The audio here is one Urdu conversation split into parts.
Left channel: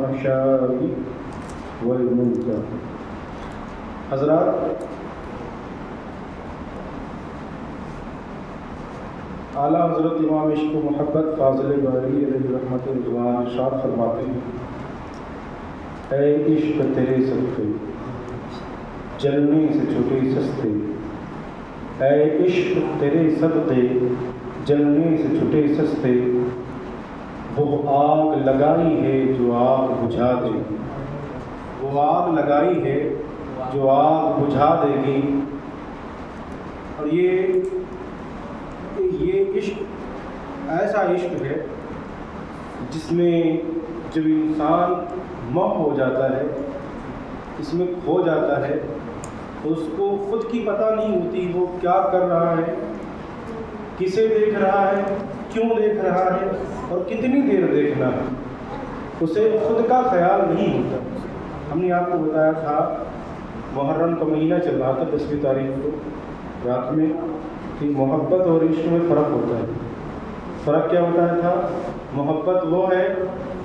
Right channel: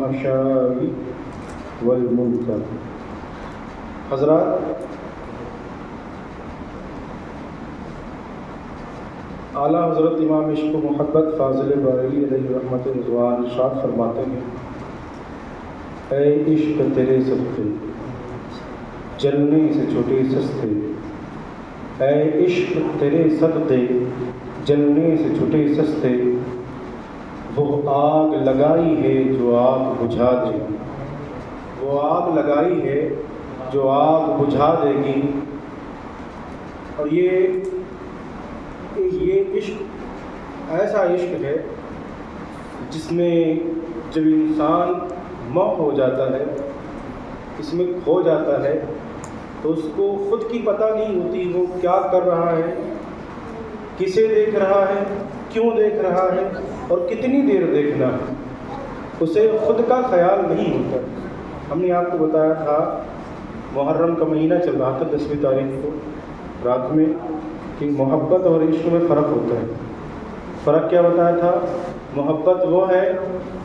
الفحشاء والمنکر۔ حضرات، اعلیٰ حضرت امام عشق و محبت فاضل باری علیہ رحمت رضوان ارشاد فرماتے ہیں، اے عشق تیرے صدقے جلنے سے چھٹے سستے، اے عشق تیرے صدقے جلنے سے چھٹے سستے، وہ آگ لگائی ہے جو آگ بجھا دے گی، وہ آگ لگائی ہے جو آگ بجھا دے گی۔ اور یہ عشق ایسا عشق ہے جس میں جب انسان محو ہو جاتا ہے، اس میں کھو جاتا ہے، تو اس کو خود کی پتہ نہیں ہوتی وہ کیا کر رہا ہے، کسے دیکھ رہا ہے، کیوں دیکھ رہا ہے اور کتنی دیر دیکھنا ہے، اسے خود کا خیال نہیں ہوتا۔ ہم نے آپ کو بتایا تھا محرم کا مہینہ چل رہا تھا 10ویں تاریخ کو رات میں کہ محبت اور عشق میں فرق ہوتا ہے۔ فرق کیا بتایا تھا؟ محبت وہ ہے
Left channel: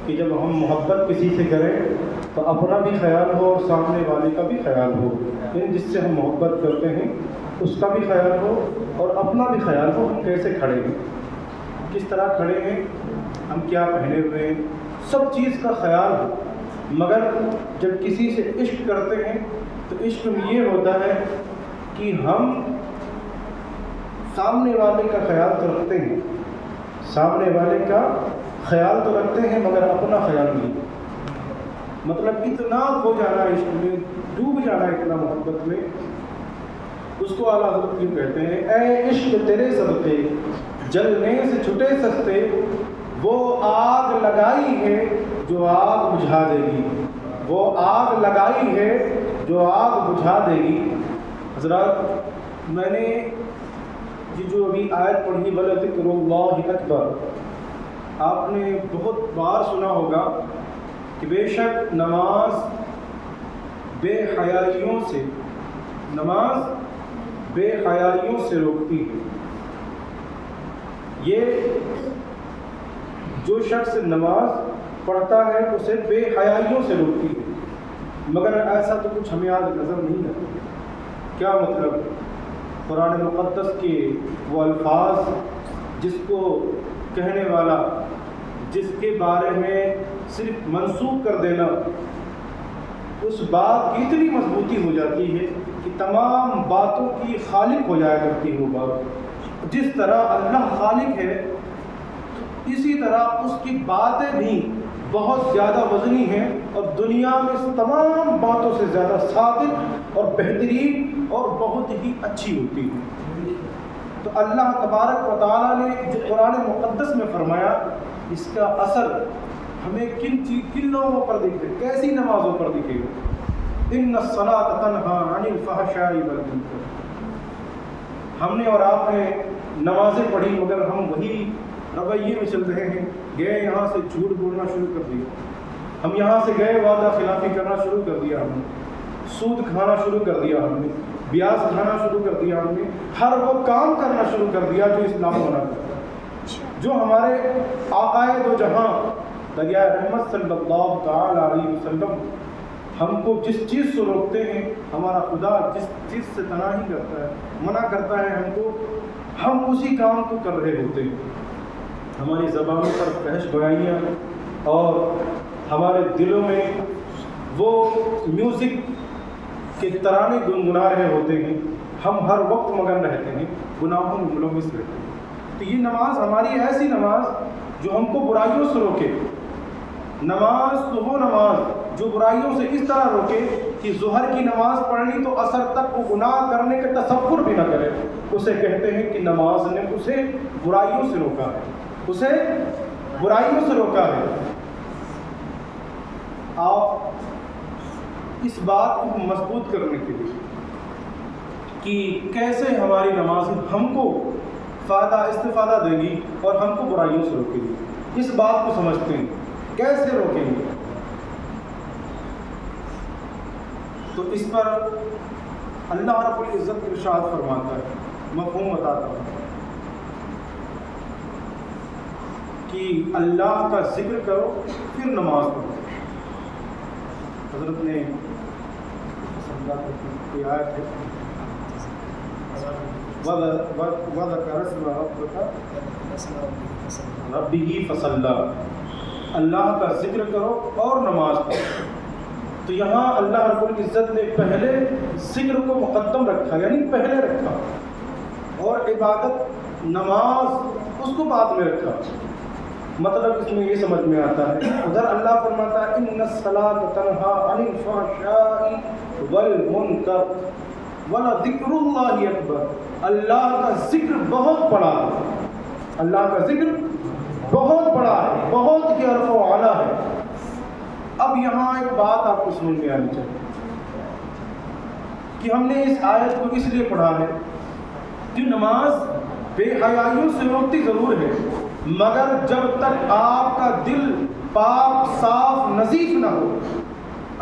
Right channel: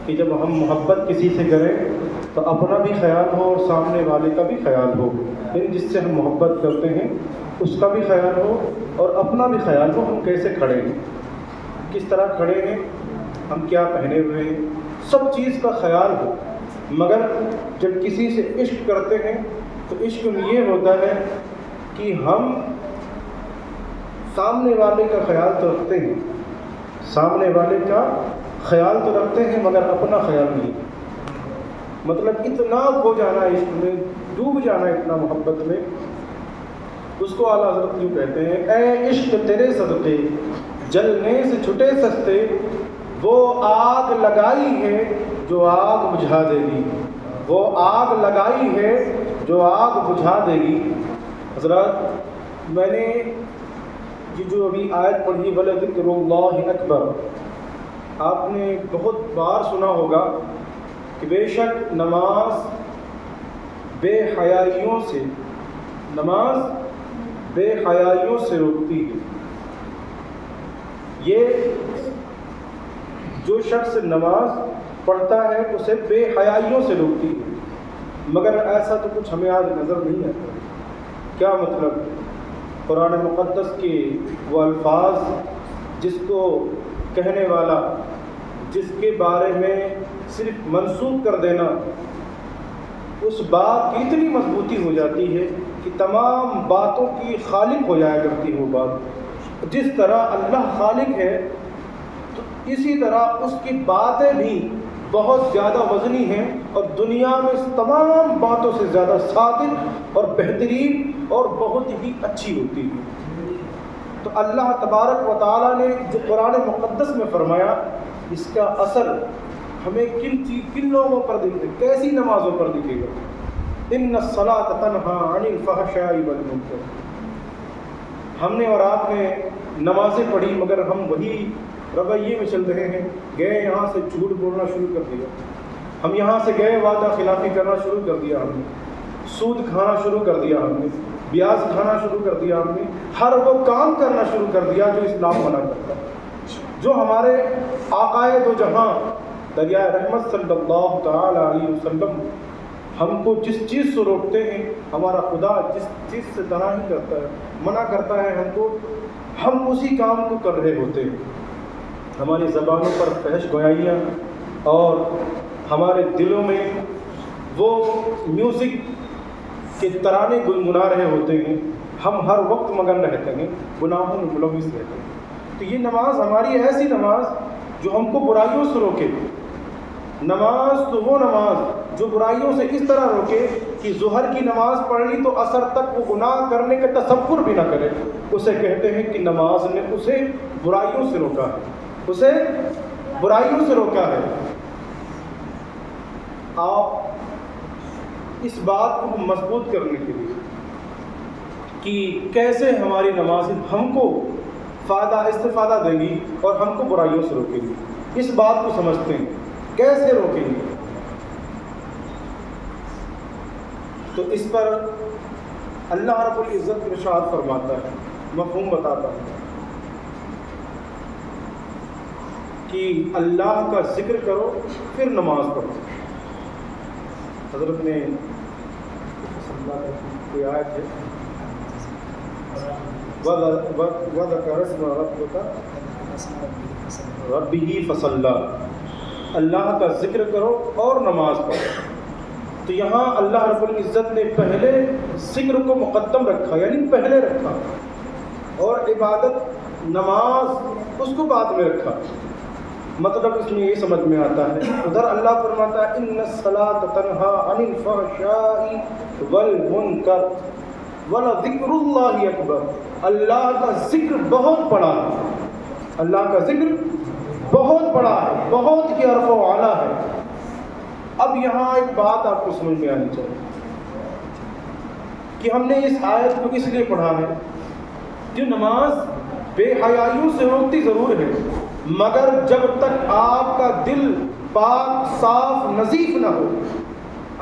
کہ جب ہم محبت کسی سے کریں تو اپنا بھی خیال ہو اور سامنے والے کا بھی خیال ہو، یعنی جس سے ہم محبت کرتے ہیں اس کا بھی خیال ہو اور اپنا بھی خیال ہو، ہم کیسے کھڑے ہیں، کس طرح کھڑے ہیں، ہم کیا پہنے ہوئے ہیں، سب چیز کا خیال ہو۔ مگر جب کسی سے عشق کرتے ہیں تو عشق میں یہ ہوتا ہے کہ ہم سامنے والے کا خیال تو رکھتے ہیں، سامنے والے کا خیال تو رکھتے ہیں مگر اپنا خیال نہیں، مطلب اتنا کھو جانا عشق میں، ڈوب جانا اتنا محبت میں، اس کو اعلیٰ حضرت کیوں کہتے ہیں، اے عشق تیرے صدقے جلنے سے چھٹے سستے، وہ آگ لگائی ہے جو آگ بجھا دے گی، وہ آگ لگائی ہے جو آگ بجھا دے گی۔ حضرات، میں نے یہ جو ابھی آیت پڑھی وَلَذِكْرُ اللَّهِ أَكْبَرُ، آپ نے بہت بار سنا ہوگا کہ بے شک نماز بے حیائیوں سے، نماز بے حیائیوں سے روکتی ہے۔ یہ جو شخص نماز پڑھتا ہے اسے بے حیائیوں سے روکتی ہے، مگر ایسا تو کچھ ہمیں آج نظر نہیں آتا۔ کیا مطلب؟ قرآن مقدس کے وہ الفاظ جس کو کہنے والا، جس کے بارے میں صرف منسوخ کر دینا اس بات کی اتنی مضبوطی ہو جاتی ہے کہ تمام باتوں کی خالق ہو جایا کرتی ہے وہ بات۔ جس طرح اللہ خالق ہے تو اسی طرح اس کی باتیں بھی بہت زیادہ وزنی ہیں اور دنیا میں تمام باتوں سے زیادہ صادق اور بہترین اور بہت ہی اچھی ہوتی ہے۔ تو اللہ تبارک و تعالیٰ نے جو قرآن مقدس میں فرمایا، اس کا اثر ہمیں کن لوگوں پر دکھے، کیسی نمازوں پر دکھے گا؟ ان الصلاۃ تنہی عن الفحشاء والمنکر۔ ہم نے اور آپ نے نمازیں پڑھی مگر ہم وہی رویے میں چل رہے ہیں، گئے یہاں سے جھوٹ بولنا شروع کر دیا، ہم یہاں سے گئے وعدہ خلافی کرنا شروع کر دیا، ہم نے سود کھانا شروع کر دیا، ہم نے بیاج کھانا شروع کر دیا، ہم نے ہر وہ کام کرنا شروع کر دیا جو اسلام منع کرتا ہے، جو ہمارے آقائے دو جہاں دریائے رحمت صلی اللہ تعالی علیہ وسلم ہم کو جس چیز سے روکتے ہیں، ہمارا خدا جس چیز سے تناہی کرتا ہے، منع کرتا ہے ہم کو، ہم اسی کام کو کر رہے ہوتے ہیں۔ ہماری زبانوں پر فحش گویاں اور ہمارے دلوں میں وہ میوزک کے ترانے گنگنا رہے ہوتے ہیں، ہم ہر وقت مگن رہتے ہیں، گناہوں میں ملوث رہتے ہیں۔ تو یہ نماز ہماری ایسی نماز جو ہم کو برائیوں سے روکے، نماز تو وہ نماز جو برائیوں سے اس طرح روکے کہ ظہر کی نماز پڑھ لی تو عصر تک وہ گناہ کرنے کا تصور بھی نہ کرے، اسے کہتے ہیں کہ نماز نے اسے برائیوں سے روکا ہے، اسے برائیوں سے روکا ہے۔ آپ اس بات کو مضبوط کرنے کے لیے کہ کیسے ہماری نماز ہم کو استفادہ دے گی اور ہم کو برائیوں سے روکے گی، اس بات کو سمجھتے ہیں، کیسے روکیں گے؟ تو اس پر اللہ رب العزت ارشاد فرماتا ہے، مفہوم بتاتا ہوں کہ اللہ کا ذکر کرو پھر نماز پڑھو، حضرت نے کوئی آیت ہے وَذَكَرَ اسْمَ رَبِّكَ رَبِّهِ فَصَلَّى، اللہ کا ذکر کرو اور نماز پڑھو. تو یہاں اللہ رب العزت نے پہلے ذکر کو مقدم رکھا، یعنی پہلے رکھا، اور عبادت نماز اس کو بعد میں رکھا. مطلب اس میں یہ سمجھ میں آتا ہے، ادھر اللہ فرماتا ہے ان الصلاۃ تنہی عن الفحشاء والمنکر ولذکر اللہ اکبر. اللہ کا ذکر بہت بڑا ہے، اللہ کا ذکر بہت بڑا ہے، بہت ہی عرف و اعلیٰ ہے. اب یہاں ایک بات آپ کو سمجھ میں آنی چاہیے کہ ہم نے اس آیت کو اس لیے پڑھا ہے جو نماز بے حیائیوں سے روکتی ضرور ہے، مگر جب تک آپ کا دل پاک صاف نظیف نہ ہو،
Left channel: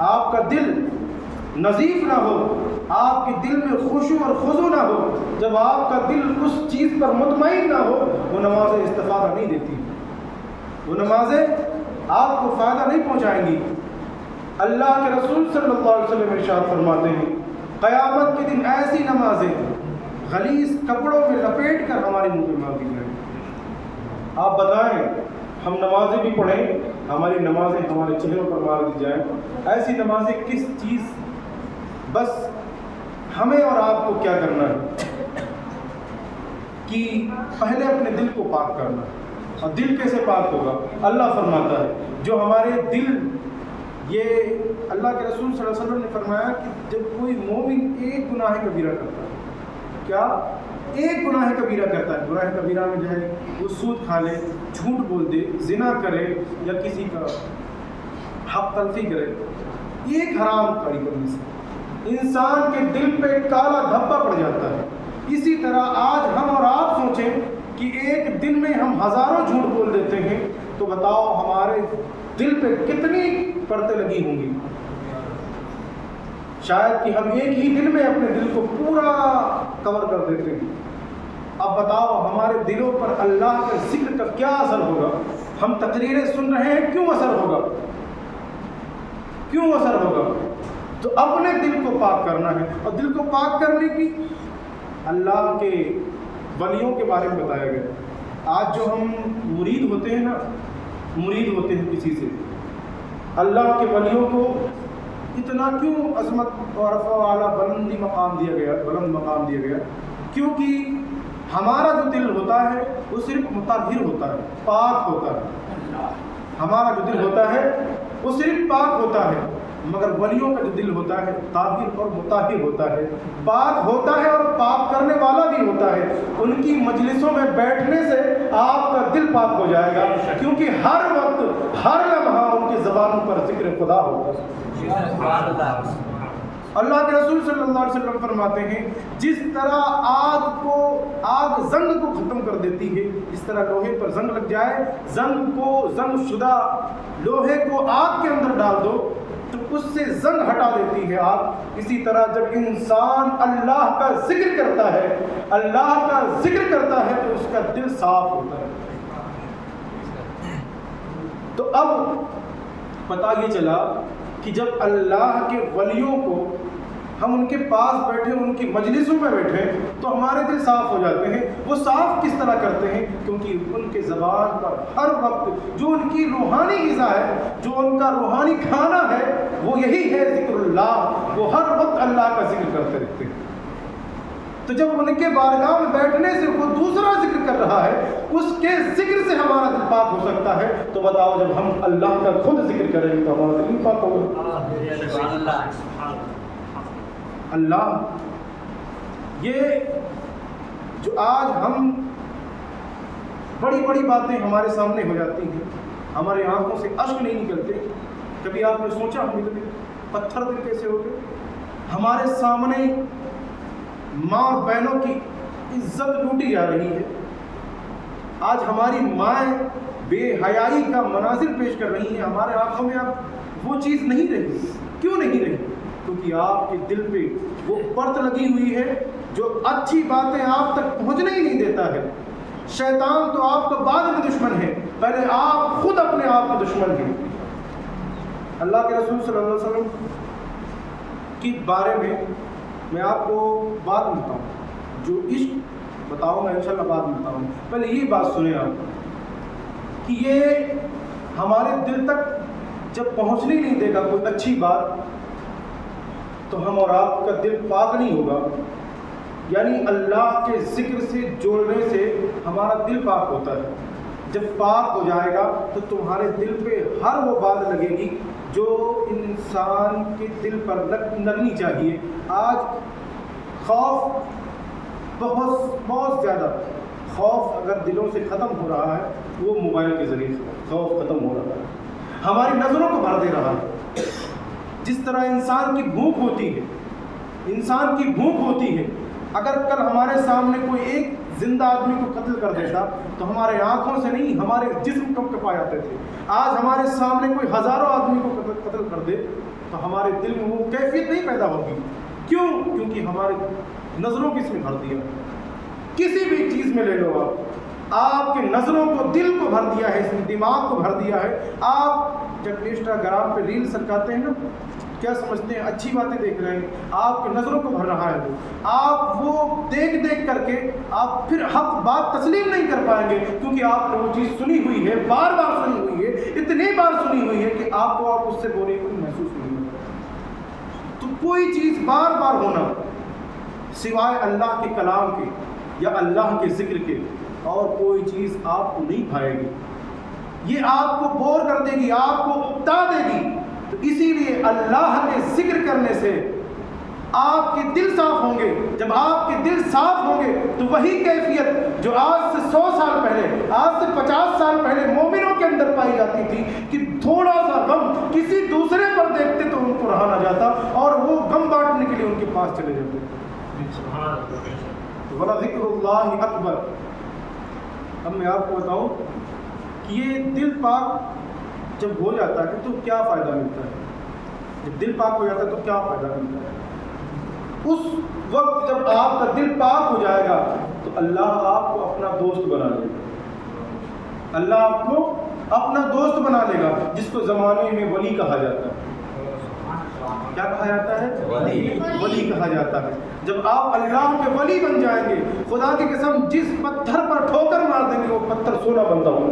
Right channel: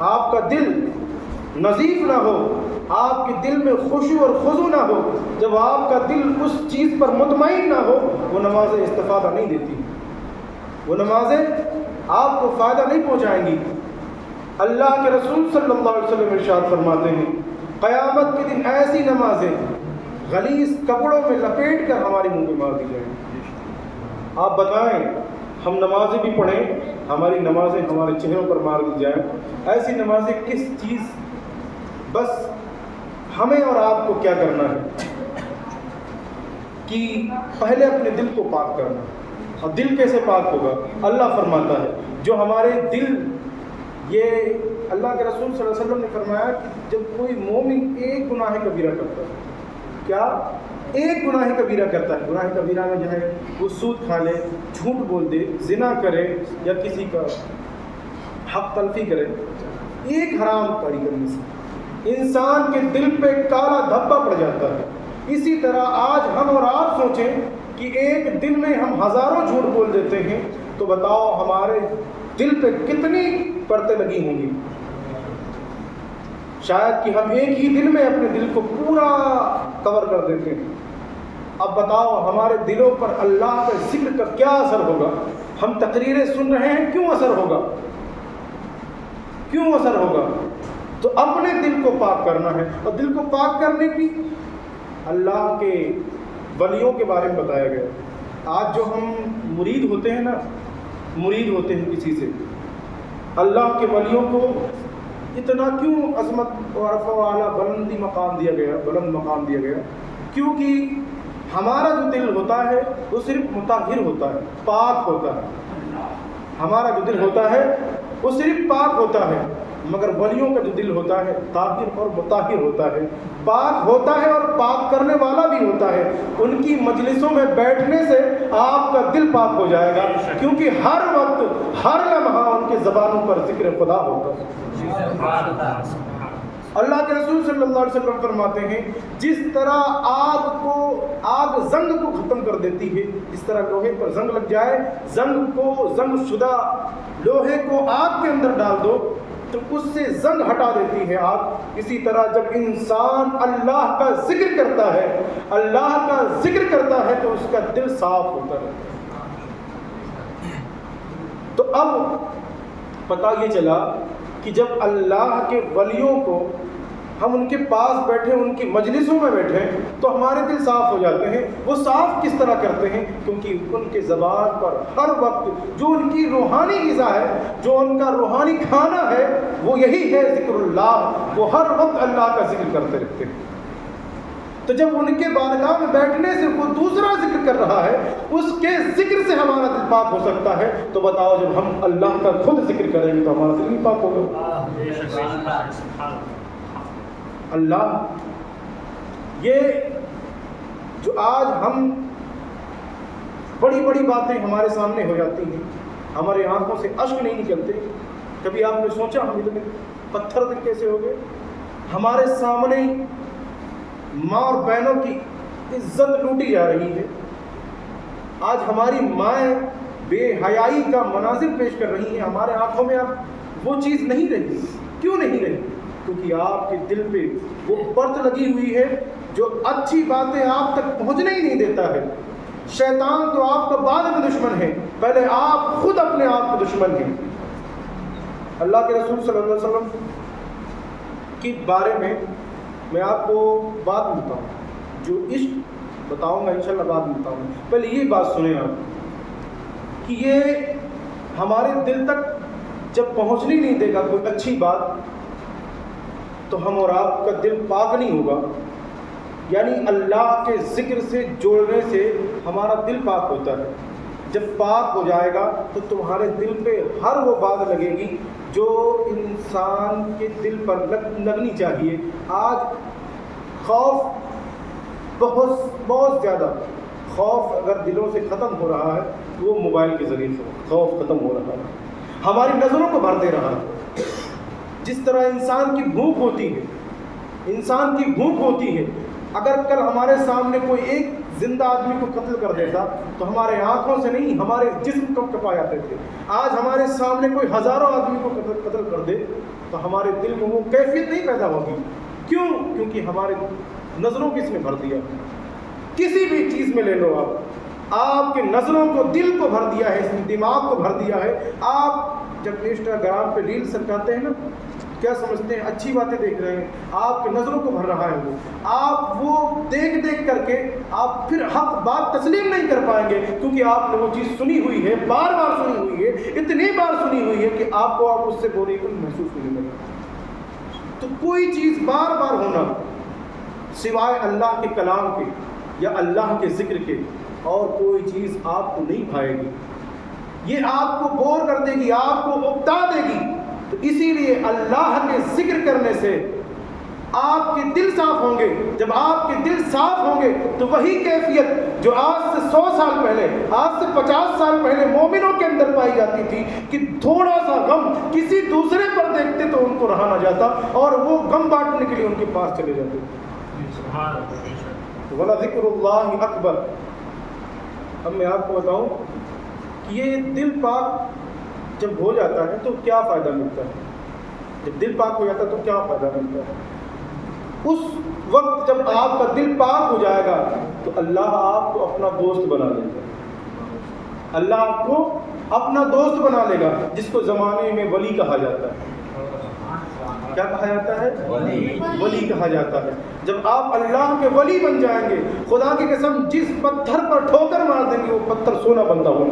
آپ کا دل نظیف نہ ہو، آپ کے دل میں خشوع اور خضوع نہ ہو، جب آپ کا دل اس چیز پر مطمئن نہ ہو، وہ نمازیں استفادہ نہیں دیتی، وہ نمازیں آپ کو فائدہ نہیں پہنچائیں گی. اللہ کے رسول صلی اللہ علیہ وسلم ارشاد فرماتے ہیں قیامت کے دن ایسی نمازیں غلیظ کپڑوں میں لپیٹ کر ہمارے منہ پہ مار دی جائیں. آپ بتائیں ہم نمازیں بھی پڑھیں، ہماری نمازیں ہمارے چہروں پر مار دی جائیں، ایسی نمازیں کس چیز؟ بس ہمیں اور آپ کو کیا کرنا ہے کہ پہلے اپنے دل کو پاک کرنا ہے. اور دل کیسے پاک ہوگا؟ اللہ فرماتا ہے جو ہمارے دل، یہ اللہ کے رسول صلی اللہ علیہ وسلم نے فرمایا کہ جب کوئی مومن ایک گناہ کبیرہ کرتا ہے، کیا ایک گناہ کبیرہ کرتا ہے، گناہ کبیرہ میں جو ہے وہ سود کھا لے، جھوٹ بول دے، زنا کرے، یا کسی کا حق تلفی کرے، ایک حرام کاری کرنے سے انسان کے دل پہ کالا دھبا پڑ جاتا ہے. اسی طرح آج ہم اور آپ سوچیں کہ ایک دن میں ہم ہزاروں جھوٹ بول دیتے ہیں، تو بتاؤ ہمارے دل پہ کتنی پرتیں لگی ہوں گی؟ شاید کہ ہم ایک ہی دن میں اپنے دل کو پورا کور کر دیتے ہیں. اب بتاؤ ہمارے دلوں پر اللہ کے ذکر کا کیا اثر ہوگا؟ ہم تقریریں سن رہے ہیں، کیوں اثر ہوگا؟ کیوں اثر ہوگا؟ تو اپنے دل کو پاک کرنا ہے. اور دل کو پاک کرنے کی اللہ کے ولیوں کے بارے میں بتایا گیا. آج جو ہم مرید ہوتے ہیں نا، مرید ہوتے ہیں کسی سے، اللہ کے ولیوں کو اتنا کیوں عظمت اور رفع و اعلیٰ بلند مقام دیا گیا؟ کیونکہ ہمارا جو دل ہوتا ہے وہ صرف مطہر ہوتا ہے، پاک ہوتا ہے. ہمارا جو دل ہوتا ہے وہ صرف پاک ہوتا ہے، مگر ولیوں کا جو دل ہوتا ہے طاہر اور مطہر ہوتا ہے، پاک ہوتا ہے اور پاک کرنے والا بھی ہوتا ہے. ان کی مجلسوں میں بیٹھنے سے آپ کا دل پاک ہو جائے گا، کیونکہ ہر وقت ہر لمحہ ان کی زبانوں پر ذکر خدا ہوتا ہے. اللہ کے رسول صلی اللہ علیہ وسلم فرماتے ہیں جس طرح آگ زنگ کو ختم کر دیتی ہے، جس طرح لوہے پر زنگ لگ جائے، زنگ شدہ لوہے کو آگ کے اندر ڈال دو تو اس سے زنگ ہٹا دیتی ہے آگ. اسی طرح جب انسان اللہ کا ذکر کرتا ہے، اللہ کا ذکر کرتا ہے تو اس کا دل صاف ہوتا ہے. تو اب پتہ یہ چلا کہ جب اللہ کے ولیوں کو ہم ان کے پاس بیٹھے، ان کی مجلسوں میں بیٹھے، تو ہمارے دل صاف ہو جاتے ہیں. وہ صاف کس طرح کرتے ہیں؟ کیونکہ ان کے زبان پر ہر وقت جو ان کی روحانی غذا ہے، جو ان کا روحانی کھانا ہے، وہ یہی ہے ذکر اللہ. وہ ہر وقت اللہ کا ذکر کرتے رہتے ہیں. تو جب ان کے بارگاہ میں بیٹھنے سے وہ دوسرا ذکر کر رہا ہے، اس کے ذکر سے ہمارا دل پاک ہو سکتا ہے. تو بتاؤ جب ہم اللہ کا خود ذکر کریں گے تو ہمارا دل بھی پاک ہوگا. اللہ یہ جو آج ہم بڑی بڑی باتیں ہمارے سامنے ہو جاتی ہیں، ہمارے آنکھوں سے اشک نہیں نکلتے. کبھی آپ نے سوچا ہم اتنے پتھر دل کیسے ہو گئے؟ ہمارے سامنے ماں اور بہنوں کی عزت لوٹی جا رہی ہے. آج ہماری مائیں بے حیائی کا مناظر پیش کر رہی ہیں. ہمارے آنکھوں میں اب وہ چیز نہیں رہی. کیوں نہیں رہی؟ کیونکہ آپ کے دل پہ وہ پرت لگی ہوئی ہے جو اچھی باتیں آپ تک پہنچنے ہی نہیں دیتا ہے. شیطان تو آپ کا بعد میں دشمن ہے، پہلے آپ خود اپنے آپ کے دشمن ہیں. اللہ کے رسول صلی اللہ علیہ وسلم کے بارے میں آپ کو بات بتاؤں، جو عشق بتاؤں گا انشاءاللہ بات بتاؤں، پہلے یہ بات سنیں آپ کہ یہ ہمارے دل تک جب پہنچنے نہیں دے گا کوئی اچھی بات تو ہم اور آپ کا دل پاک نہیں ہوگا. یعنی اللہ کے ذکر سے جوڑنے سے ہمارا دل پاک ہوتا ہے. جب پاک ہو جائے گا تو تمہارے دل پہ ہر وہ بات لگے گی جو انسان کے دل پر لگنی چاہیے. آج خوف بہت زیادہ خوف اگر دلوں سے ختم ہو رہا ہے تو وہ موبائل کے ذریعے سے خوف ختم ہو رہا ہے، ہماری نظروں کو بھر دے رہا ہے. جس طرح انسان کی بھوک ہوتی ہے، اگر کل ہمارے سامنے کوئی ایک زندہ آدمی کو قتل کر دیتا تو ہمارے آنکھوں سے نہیں ہمارے جسم کب کپا جاتے تھے. آج ہمارے سامنے کوئی ہزاروں آدمی کو قتل کر دے تو ہمارے دل میں وہ کیفیت نہیں پیدا ہوگی. کیوں؟ کیونکہ ہمارے نظروں کو اس نے بھر دیا. کسی بھی چیز میں لے لو آپ کے نظروں کو، دل کو بھر دیا ہے، اس نے دماغ کو بھر دیا ہے. آپ جب انسٹاگرام پہ ریل سرکاتے ہیں نا، کیا سمجھتے ہیں اچھی باتیں دیکھ رہے ہیں، آپ کے نظروں کو بھر رہا ہے وہ. آپ وہ دیکھ کر کے آپ پھر حق بات تسلیم نہیں کر پائیں گے، کیونکہ آپ نے وہ چیز سنی ہوئی ہے، بار بار سنی ہوئی ہے، اتنی بار سنی ہوئی ہے کہ آپ کو اس سے بوری کو محسوس نہیں لگے. تو کوئی چیز بار بار ہونا سوائے اللہ کے کلام کے یا اللہ کے ذکر کے اور کوئی چیز آپ کو نہیں بھائے گی. یہ آپ کو بور کر دے گی، آپ کو اکتا دے گی. تو اسی لیے اللہ کے ذکر کرنے سے آپ کے دل صاف ہوں گے. جب آپ کے دل صاف ہوں گے تو وہی کیفیت جو آج سے 100 سال پہلے، آج سے 50 سال پہلے مومنوں کے اندر پائی جاتی تھی کہ تھوڑا سا غم کسی دوسرے پر دیکھتے تو ان کو رہا نہ جاتا اور وہ غم بانٹنے کے لیے ان کے پاس چلے جاتے. وَلَذِكْرُ اللَّهِ اکبر. اب میں آپ کو بتاؤں کہ یہ دل پاک جب ہو جاتا ہے تو کیا فائدہ ملتا ہے. جب دل پاک ہو جاتا ہے تو کیا فائدہ ملتا ہے. اس وقت جب آپ کا دل پاک ہو جائے گا تو اللہ آپ کو اپنا دوست بنا لے گا. اللہ آپ کو اپنا دوست بنا لے گا، جس کو زمانے میں ولی کہا جاتا ہے. کیا کہا جاتا ہے؟ ولی کہا جاتا ہے. جب آپ اللہ کے ولی بن جائیں گے، خدا کی قسم جس پتھر پر ٹھوکر مار دیں گے وہ پتھر سونا بنتا ہوگا.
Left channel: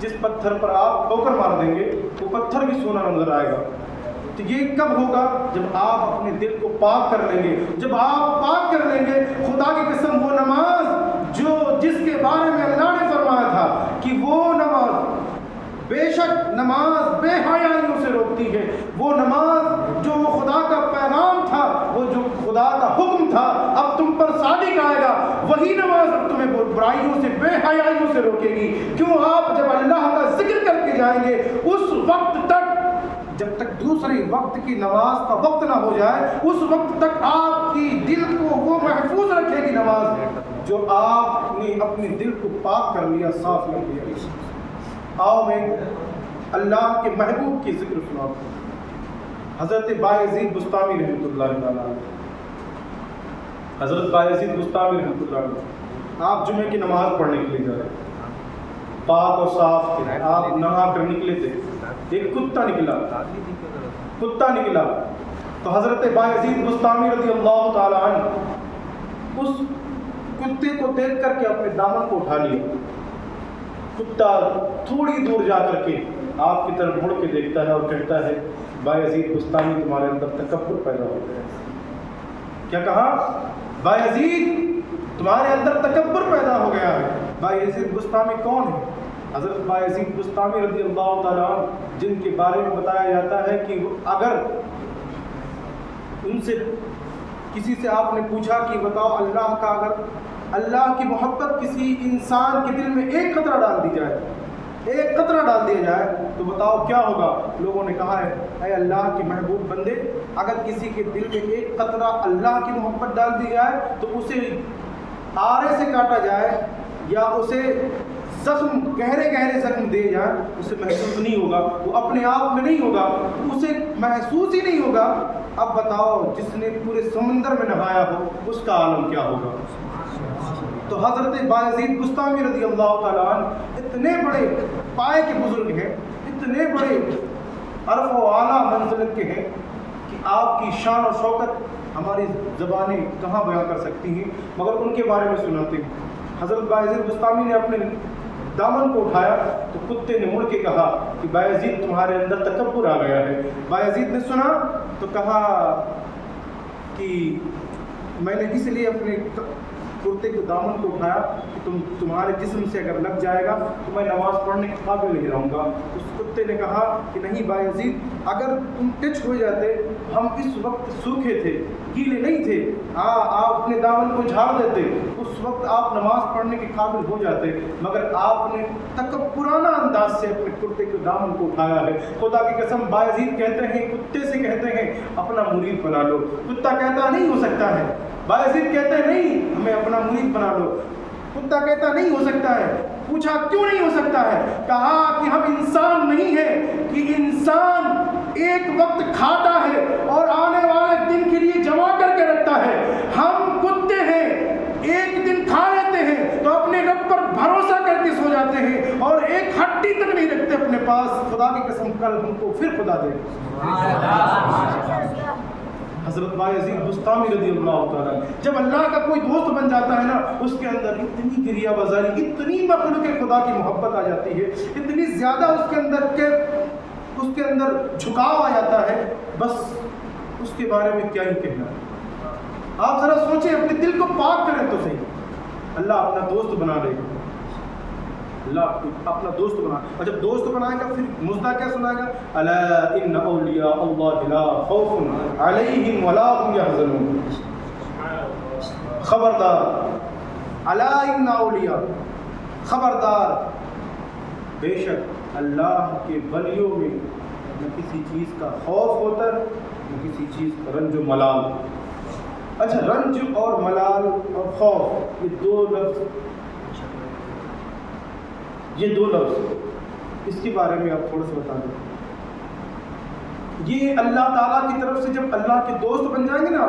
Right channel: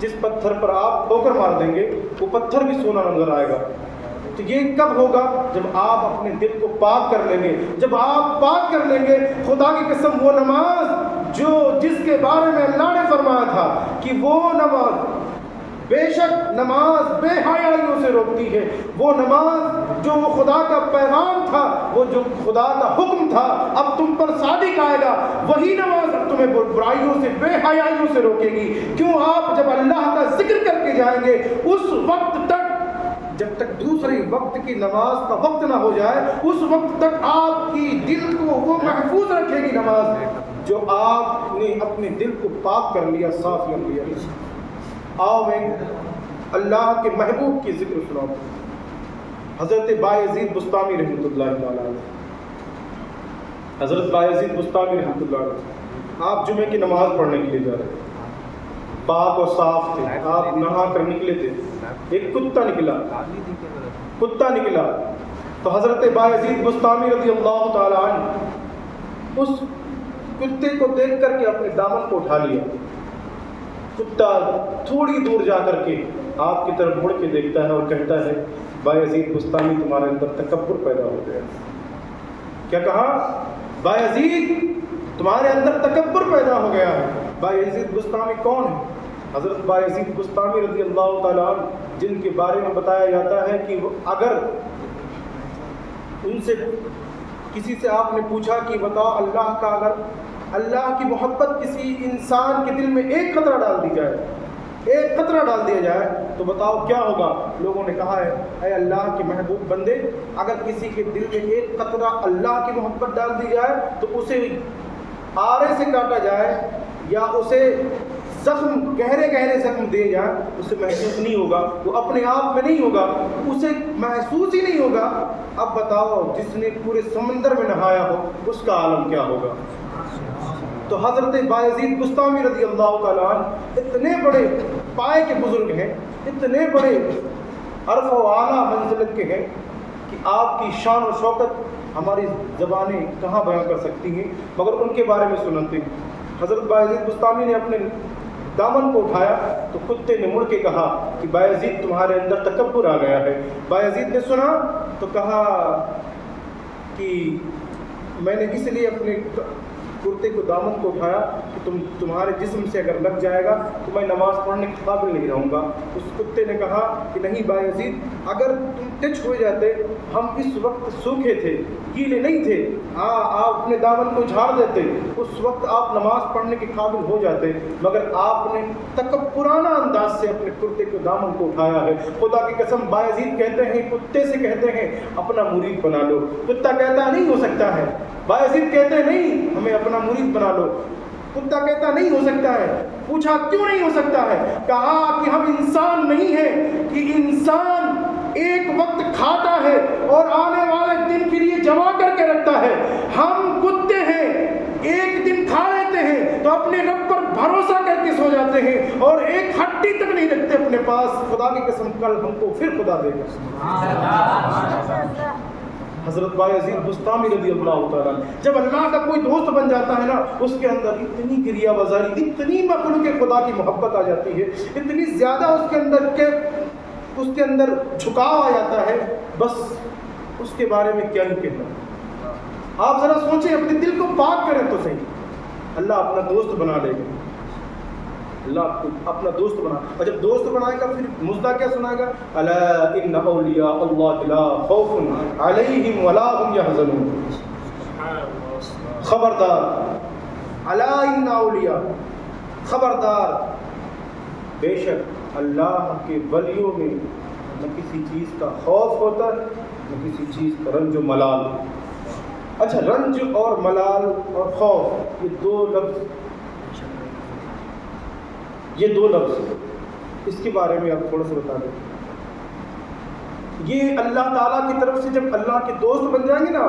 جس پتھر پر آپ ٹھوکر مار دیں گے وہ پتھر بھی سونا نظر آئے گا. تو یہ کب ہوگا؟ جب آپ اپنے دل کو پاک کر لیں گے. جب آپ پاک کر لیں گے، خدا کی قسم وہ نماز جس کے بارے میں اللہ نے فرمایا تھا کہ وہ نماز بے شک نماز بے حیائیوں سے روکتی ہے، وہ نماز جو وہ خدا کا پیغام تھا، وہ جو خدا کا حکم تھا اب تم پر صادق آئے گا، وہی نماز اب تمہیں برائیوں سے بے حیائیوں سے روکے گی. کیوں؟ آپ جب اللہ کا ذکر کر کے جائیں گے اس وقت تک، جب تک دوسرے وقت کی نماز کا وقت نہ ہو جائے اس وقت تک آپ کی دل کو وہ محفوظ رکھے گی نماز جو آپ نے اپنے دل کو پاک کر لیا، صاف کر لیا. آؤ میں اللہ کے محبوب کی ذکر سناؤں. حضرت بایزید بسطامی رحمۃ اللہ علیہ، حضرت بایزید بسطامی رحمۃ اللہ علیہ، آپ جمعے کی نماز پڑھنے کے لیے جا رہے تھے، پاک اور صاف تھے، آپ نہا کر نکلے تھے. ایک کتا نکلا تو حضرت بایزید بسطامی رضی اللہ تعالی عنہ اس کتے کو دیکھ کر کے اپنے دامن کو اٹھا لیا. کتا تھوڑی دور جا کر کے آپ کی طرف مڑ کے دیکھتا ہے اور کہتا ہے بایزید بسطامی تمہارے اندر تکبر پیدا ہو گیا. کیا کہا؟ بایزید تمہارے اندر تکبر پیدا ہو گیا ہے. بایزید بسطامی کون ہے؟ حضرت بایزید بسطامی رضی اللہ تعالیٰ عنہ، جن کے بارے میں بتایا جاتا ہے کہ اگر ان سے کسی سے آپ نے پوچھا کہ بتاؤ اللہ کا، اگر اللہ کی محبت کسی انسان کے دل میں ایک قطرہ ڈال دی جائے، ایک قطرہ ڈال دیا جائے تو بتاؤ کیا ہوگا؟ لوگوں نے کہا ہے اے اللہ کے محبوب بندے، اگر کسی کے دل میں ایک قطرہ اللہ کی محبت ڈال دی جائے تو اسے آرے سے کاٹا جائے یا اسے زخم گہرے زخم دے جائیں، اسے محسوس نہیں ہوگا، وہ اپنے آپ میں نہیں ہوگا، اسے محسوس ہی نہیں ہوگا. اب بتاؤ جس نے پورے سمندر میں نہایا ہو اس کا عالم کیا ہوگا؟ تو حضرت بایزید بستامی رضی اللہ تعالیٰ عنہ اتنے بڑے پائے کے بزرگ ہیں، اتنے بڑے عرف و اعلیٰ منزلت کے ہیں کہ آپ کی شان و شوکت ہماری زبانیں کہاں بیان کر سکتی ہیں، مگر ان کے بارے میں سناتے ہیں۔ حضرت بایزید بستامی نے اپنے دامن کو اٹھایا تو کتے نے مڑ کے کہا کہ بایزید تمہارے اندر تکبر آ گیا ہے۔ بایزید نے سنا تو کہا کہ میں نے اس لیے اپنے کرتے کو دامن کو اٹھایا کہ تمہارے جسم سے اگر لگ جائے گا تو میں نماز پڑھنے کے قابل نہیں رہوں گا۔ اس کتے نے کہا کہ نہیں بایزید، اگر تم ٹچ ہو جاتے، ہم اس وقت سوکھے تھے، گیلے نہیں تھے، آپ اپنے دامن کو جھاڑ دیتے، اس وقت آپ نماز پڑھنے کے قابل ہو جاتے، مگر آپ نے تکبرانہ انداز سے اپنے کرتے کے دامن کو اٹھایا ہے۔ خدا کی قسم بایزید کہتے ہیں، کتے سے کہتے ہیں اپنا مرید بنا لو۔ کتا کہتا نہیں ہو سکتا ہے، بایزید کہتے ہیں نہیں ہمیں اپنا مرید بنا لو۔ کتا کہتا نہیں ہو سکتا ہے۔ پوچھا کیوں نہیں ہو سکتا ہے؟ کہا کہ ہم انسان نہیں ہیں کہ انسان ایک وقت کھاتا ہے اور آنے والے دن کے لیے جمع کر کے رکھتا ہے۔ ہم کتے ہیں، ایک دن کھا لیتے ہیں تو اپنے رب پر بھروسہ کر کے سو جاتے ہیں اور ایک ہڈی تک نہیں رکھتے اپنے پاس۔ خدا کی قسم کل ہم کو پھر خدا دے۔ حضرت بایزید بستامی رضی اللہ تعالیٰ جب اللہ کا کوئی دوست بن جاتا ہے نا، اس کے اندر اتنی گریہ بازاری، اتنی مخلوق خدا کی محبت آ جاتی ہے، اتنی زیادہ اس کے اندر جھکاؤ آ جاتا ہے، بس اس کے بارے میں کیا ہی کہنا۔ آپ ذرا سوچیں، اپنے دل کو پاک کریں تو صحیح، اللہ اپنا دوست بنا لے گا، اللہ اپنا دوست بنا، اور جب دوست بنائے گا پھر مزدہ کیا سنائے گا؟ الا ان اولیاء اللہ لا خوف علیہم ولا هم يحزنون۔ خبردار، الا ان اولیاء، خبردار، بے شک اللہ کے ولیوں میں نہ کسی چیز کا خوف ہوتا ہے نہ کسی چیز کا رنج و ملال۔ اچھا، رنج اور ملال اور خوف، یہ دو لفظ اس کے بارے میں آپ تھوڑا سا بتا دیں۔ یہ اللہ تعالیٰ کی طرف سے جب اللہ کے دوست بن جائیں گے نا،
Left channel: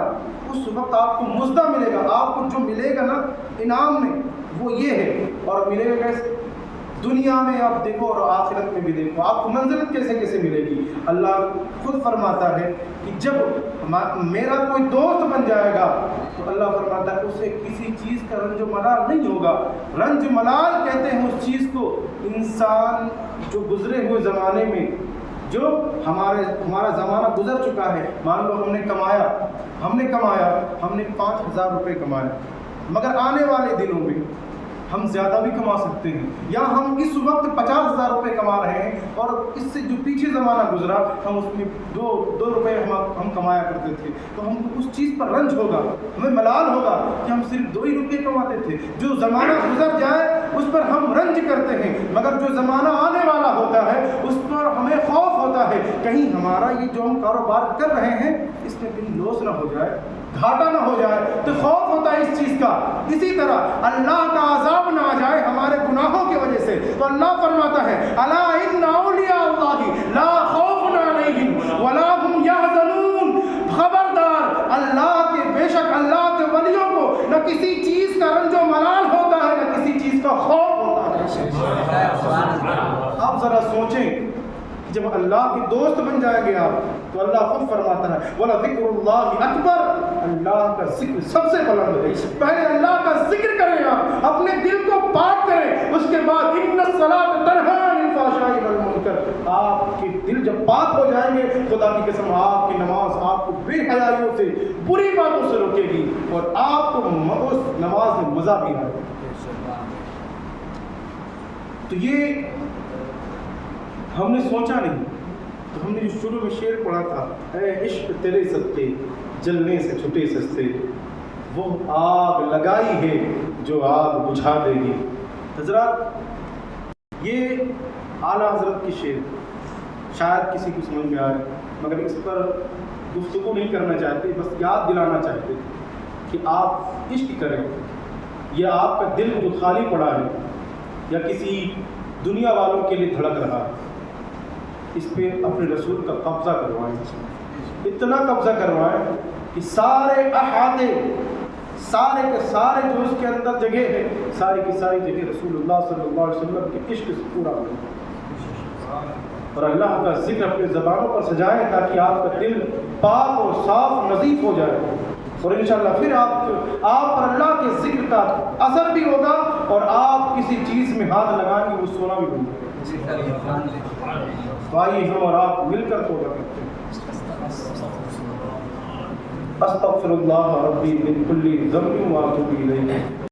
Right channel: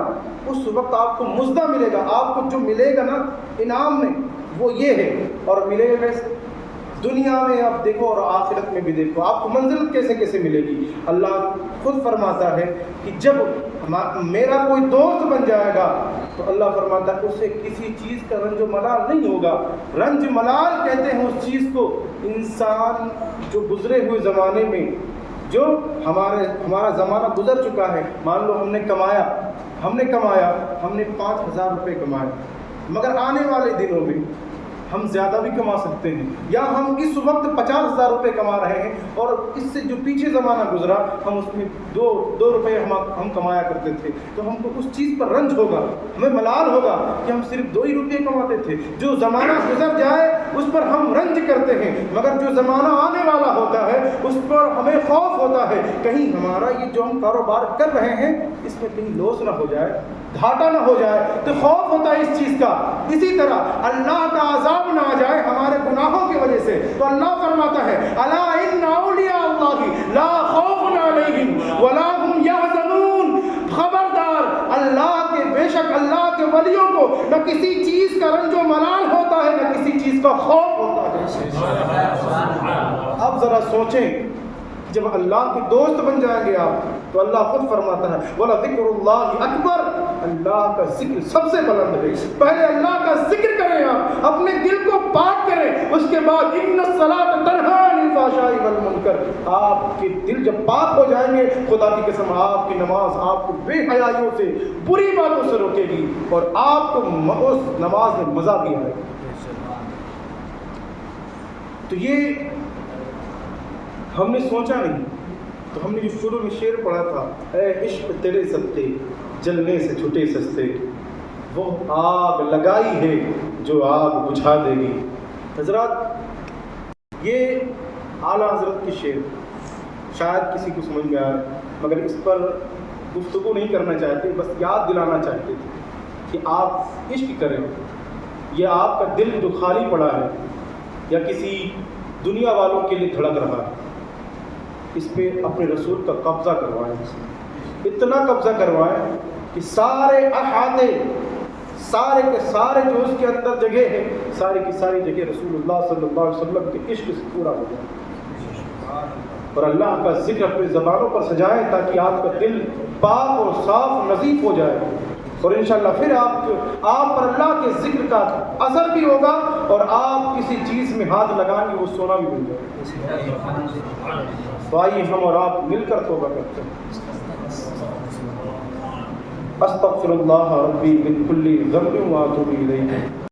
اس وقت آپ کو مزدہ ملے گا، آپ کو جو ملے گا نا انعام میں، وہ یہ ہے۔ اور ملے گا کیسے؟ دنیا میں آپ دیکھو اور آخرت میں بھی دیکھو، آپ کو منزلت کیسے کیسے ملے گی۔ اللہ خود فرماتا ہے کہ جب میرا کوئی دوست بن جائے گا تو اللہ فرماتا ہے اسے کسی چیز کا رنج و ملال نہیں ہوگا۔ رنج ملال کہتے ہیں اس چیز کو، انسان جو گزرے ہوئے زمانے میں، جو ہمارا زمانہ گزر چکا ہے، مان لو ہم نے کمایا، ہم نے 5,000 روپے کمائے، مگر آنے والے دنوں میں ہم زیادہ بھی کما سکتے ہیں، یا ہم اس وقت 50,000 روپے کما رہے ہیں اور اس سے جو پیچھے زمانہ گزرا ہم اس میں 2 روپے ہم کمایا کرتے تھے، تو ہم کو اس چیز پر رنج ہوگا، ہمیں ملال ہوگا کہ ہم صرف 2 ہی روپے کماتے تھے۔ جو زمانہ گزر جائے اس پر ہم رنج کرتے ہیں، مگر جو زمانہ آنے والا ہوتا ہے اس پر ہمیں خوف ہوتا ہے، کہیں ہمارا یہ جو ہم کاروبار کر رہے ہیں اس میں کہیں لاس نہ ہو جائے، گھاٹا نہ ہو جائے، تو خوف ہوتا ہے اس چیز کا۔ اسی طرح اللہ کا عذاب نہ آ جائے ہمارے گناہوں کی وجہ سے، تو اللہ فرماتا ہے الا ان اولیاء اللہ لا خوف علیہم ولا هم یحزنون۔ خبردار، اللہ کے، بے شک اللہ کے ولیوں کو نہ کسی چیز کا رنج و ملال ہوتا ہے نہ کسی چیز کا خوف ہوتا ہے۔ آپ ذرا سوچیں، جب اللہ کے دوست بن جائیں گے آپ تو اللہ خود فرماتا ہے وَلَذِكْرُ اللَّهِ أَكْبَرُ، اللہ کا ذکر سب سے بلند ہے۔ پہلے اللہ کا ذکر کریں، آپ اپنے دل کو پاک کریں، اس کے بعد إِنَّ الصَّلَاةَ تَنْهَىٰ عَنِ الْفَحْشَاءِ وَالْمُنكَرِ۔ آپ کے دل جب پاک ہو جائیں گے، خدا کی قسم آپ کی نماز آپ کو بے حیائیوں سے، بری باتوں سے روکے گی اور آپ کو اس نماز میں مزہ بھی آئے گا۔ تو یہ ہم نے سوچا نہیں، تو ہم نے جو شروع میں شعر پڑھا تھا، اے عشق تیرے ستے جلنے سے چھٹے سستے، وہ آگ لگائی ہے جو آگ بجھا دے گی۔ حضرات، یہ اعلیٰ حضرت کی شعر شاید کسی کو سمجھ میں آئے، مگر اس پر گفتگو نہیں کرنا چاہتے، بس یاد دلانا چاہتے تھے کہ آپ عشق کریں، یا آپ کا دل جو خالی پڑا ہے یا کسی دنیا والوں کے لیے دھڑک رہا ہے، اس پہ اپنے رسول کا قبضہ کروائیں، اتنا قبضہ کروائیں کہ سارے احاطے، سارے کے سارے جو اس کے اندر جگہ ہے ساری کی ساری جگہ رسول اللہ صلی اللہ علیہ وسلم کے عشق سے پورا ہو جائے، اور اللہ کا ذکر اپنی زبانوں پر سجائیں تاکہ آپ کا دل پاک اور صاف نظیف ہو جائے، اور انشاءاللہ پھر آپ پر اللہ کے ذکر کا اثر بھی ہوگا اور آپ کسی چیز میں ہاتھ لگائیں گے وہ سونا بھی بن جائے گا۔ تو آئیے ہم اور آپ مل کر توبہ کرتے ہیں۔ استغفر اللہ ربی من کل ذنب واتوب الیہ۔